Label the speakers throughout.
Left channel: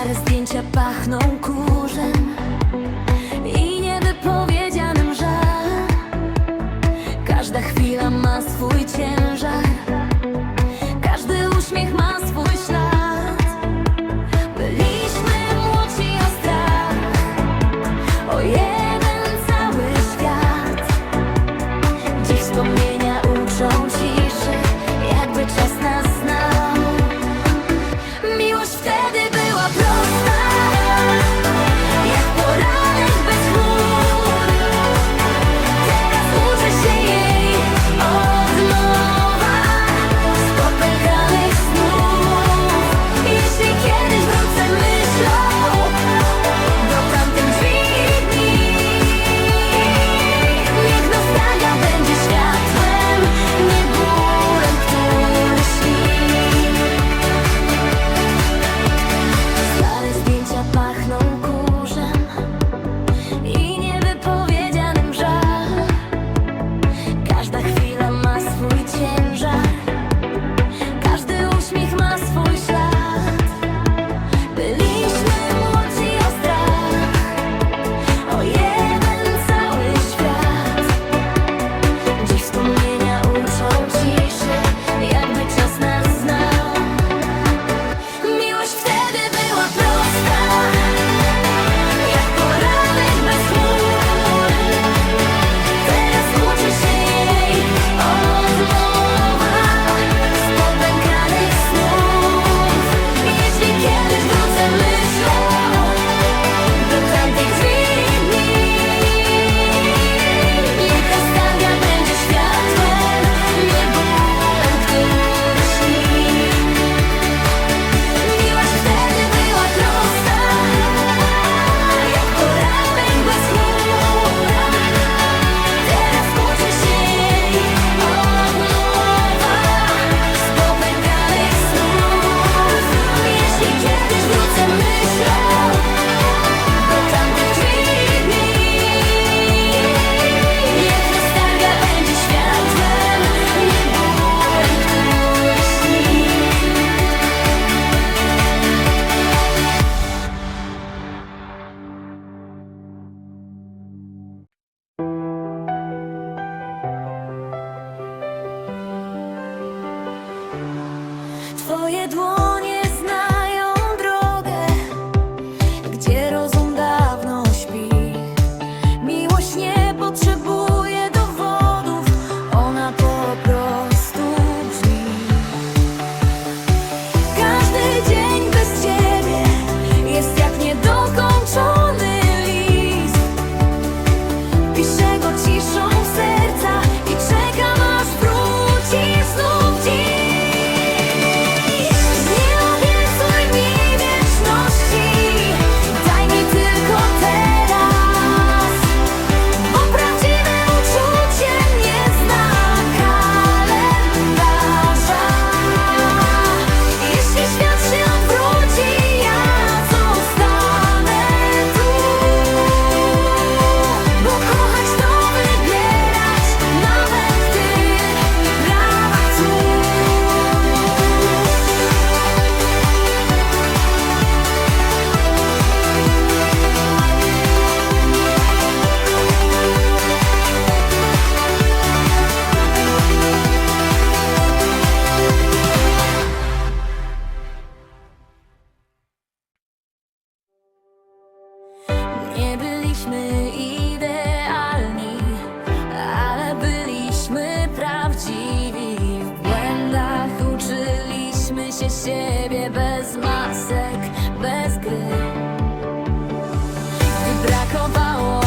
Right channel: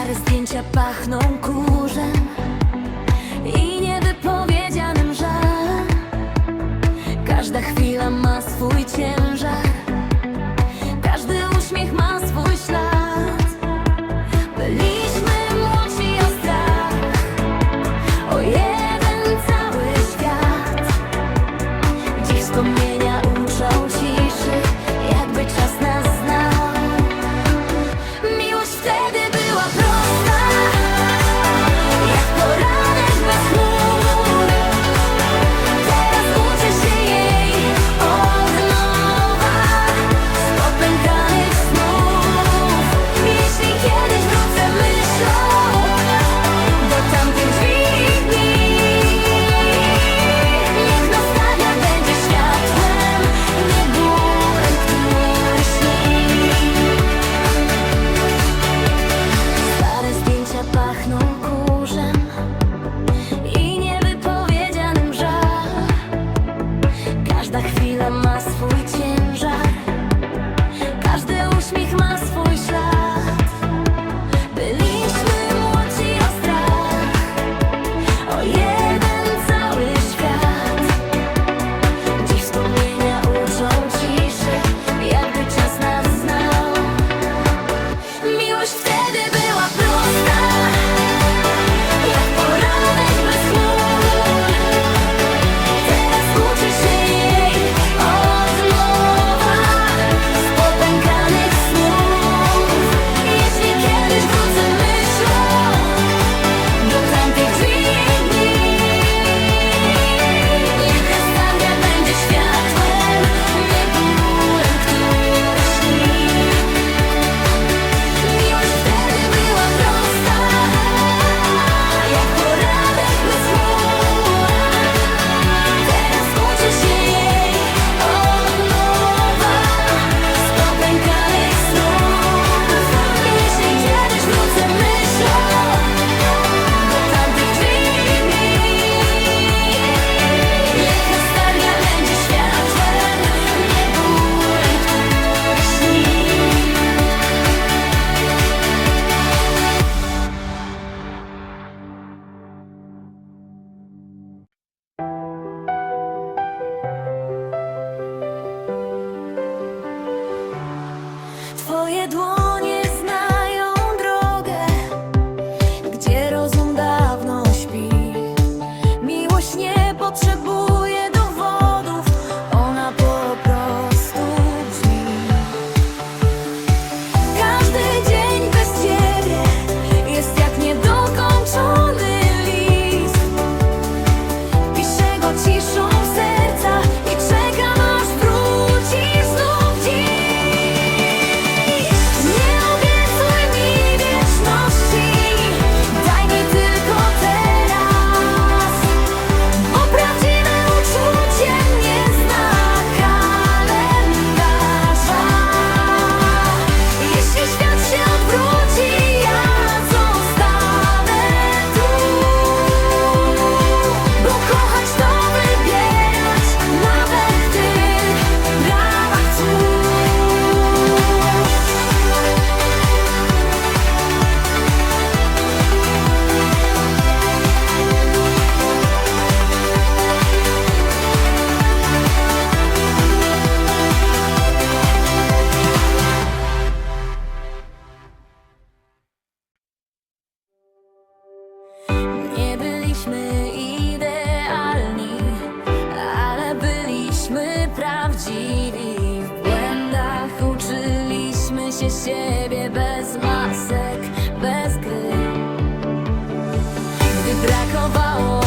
Speaker 1: Stare zdjęcia pachną kurzem I niewypowiedzianym żal. Każda chwila ma swój ciężar Każdy uśmiech ma swój ślad. Byliśmy młodzi o strach O jeden cały świat. Dziś wspomnienie siebie bez masek, bez gry. Gdy brakowało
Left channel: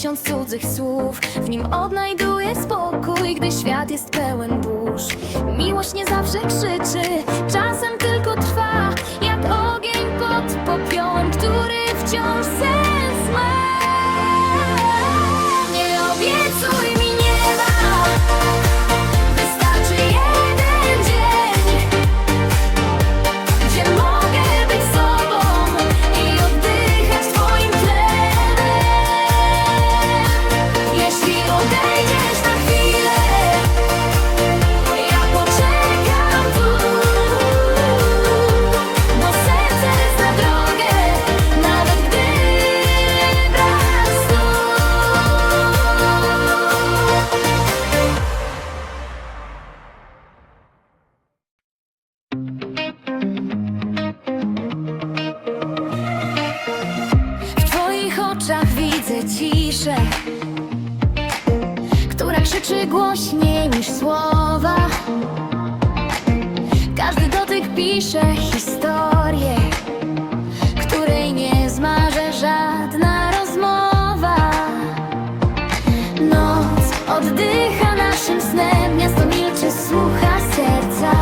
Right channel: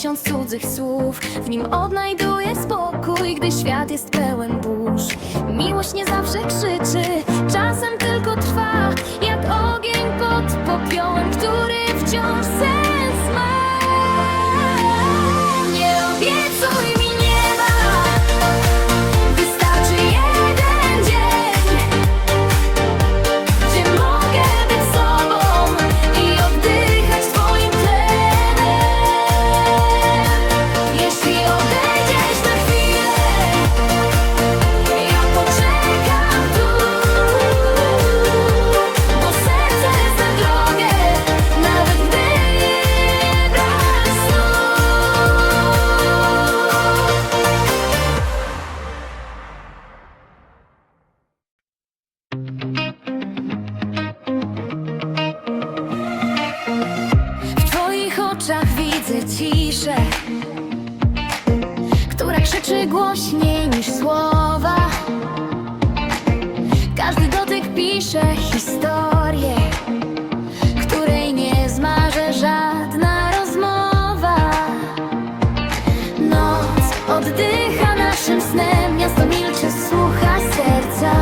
Speaker 1: tysiąc cudzych słów. W nim odnajduję spokój, gdy świat jest pełen burz. Miłość nie zawsze krzyczy, czasem tylko trwa. Jak ogień pod popiołem, który wciąż sens ma. Nie obiecuj mi Widzę ciszę, która krzyczy głośniej niż słowa. Każdy dotyk pisze historię, której nie zmaże żadna rozmowa. Noc oddycha naszym snem, miasto milczy, słucha serca.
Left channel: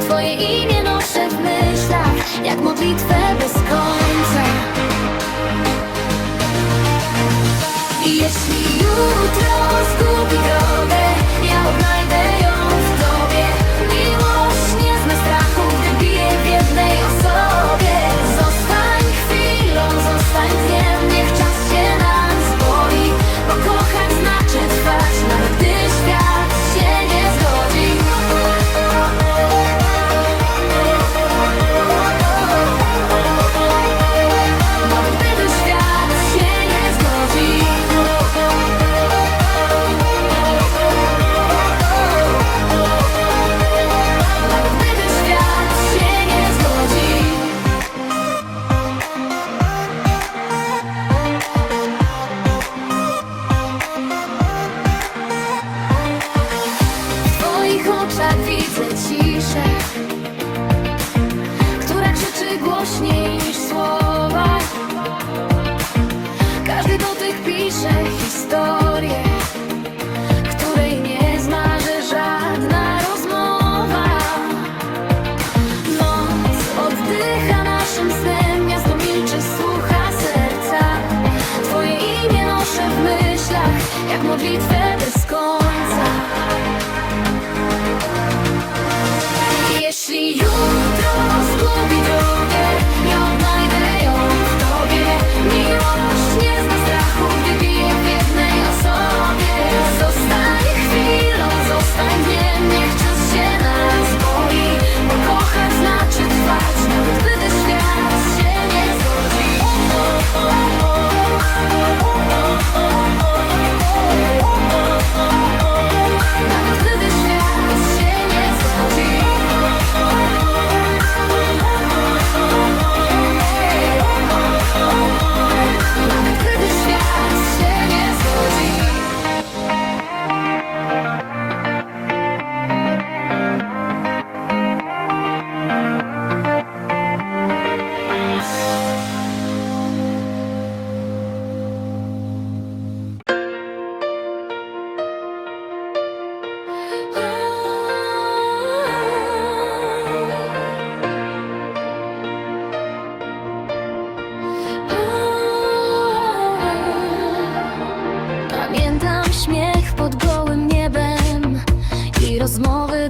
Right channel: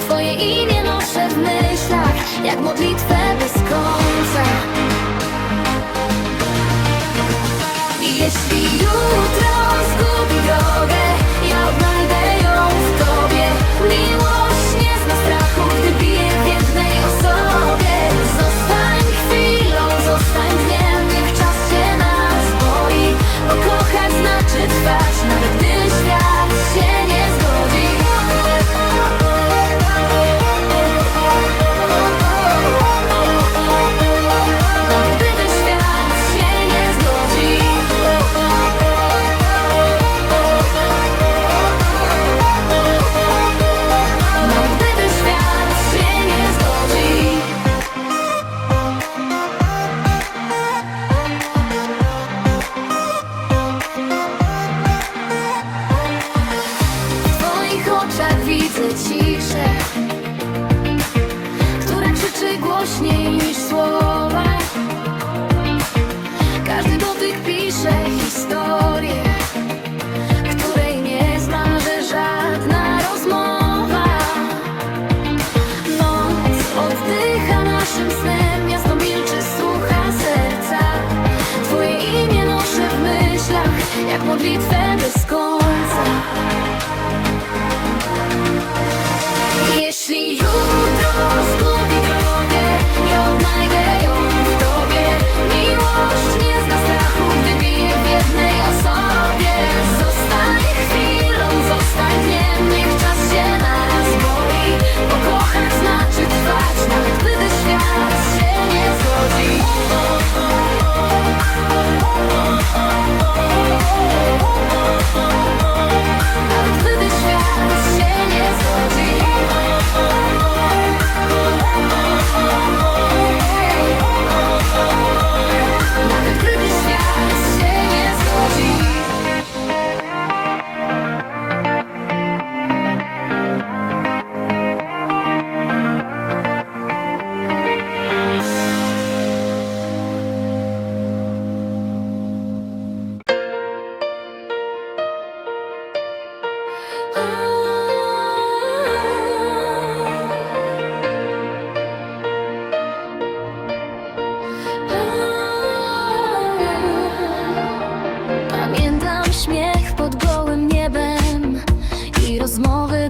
Speaker 1: Twoje imię noszę w myślach, jak modlitwę bez końca. widzę ciszę Która krzyczy głośniej niż słowa. Każdy dotyk pisze historię Której nie zmarzy żadna rozmowa. Noc oddycha naszym snem Miasto milczy, słucha serca. Twoje imię noszę w myślach Jak modlitwę bez końca розмови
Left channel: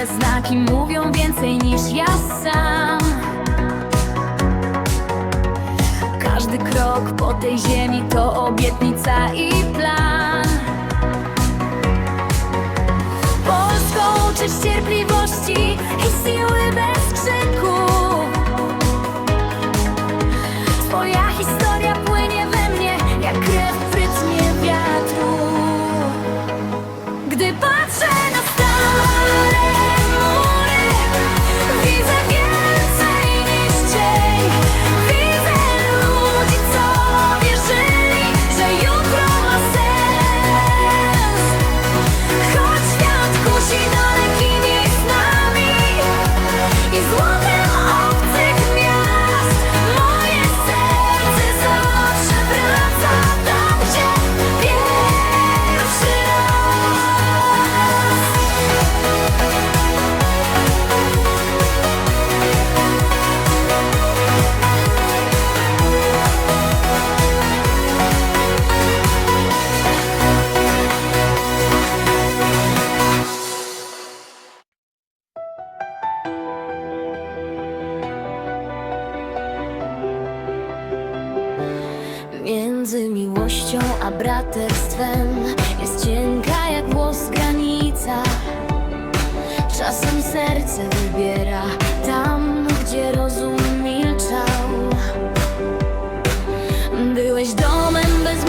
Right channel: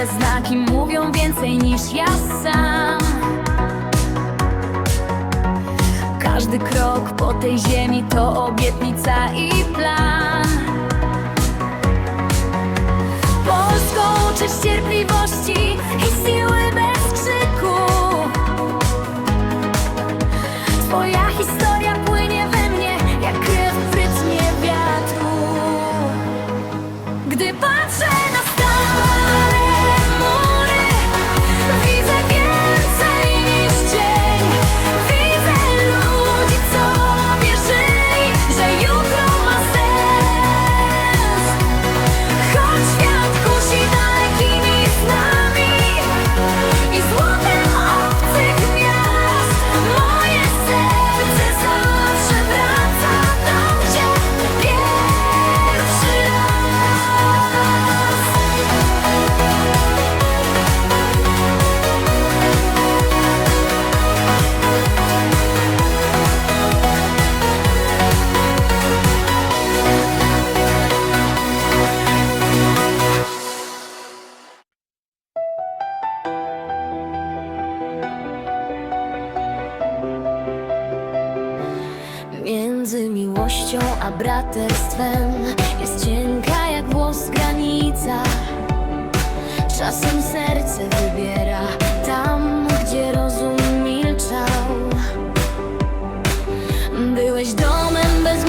Speaker 1: Te znaki mówią więcej niż ja sam. Każdy krok po tej ziemi to obietnica i plan. Polską uczyć cierpliwości i siły bez krzyku. braterstwem. Jest cienka jak włos granica. Czasem serce wybiera tam, gdzie rozum milczał. Byłeś domem bez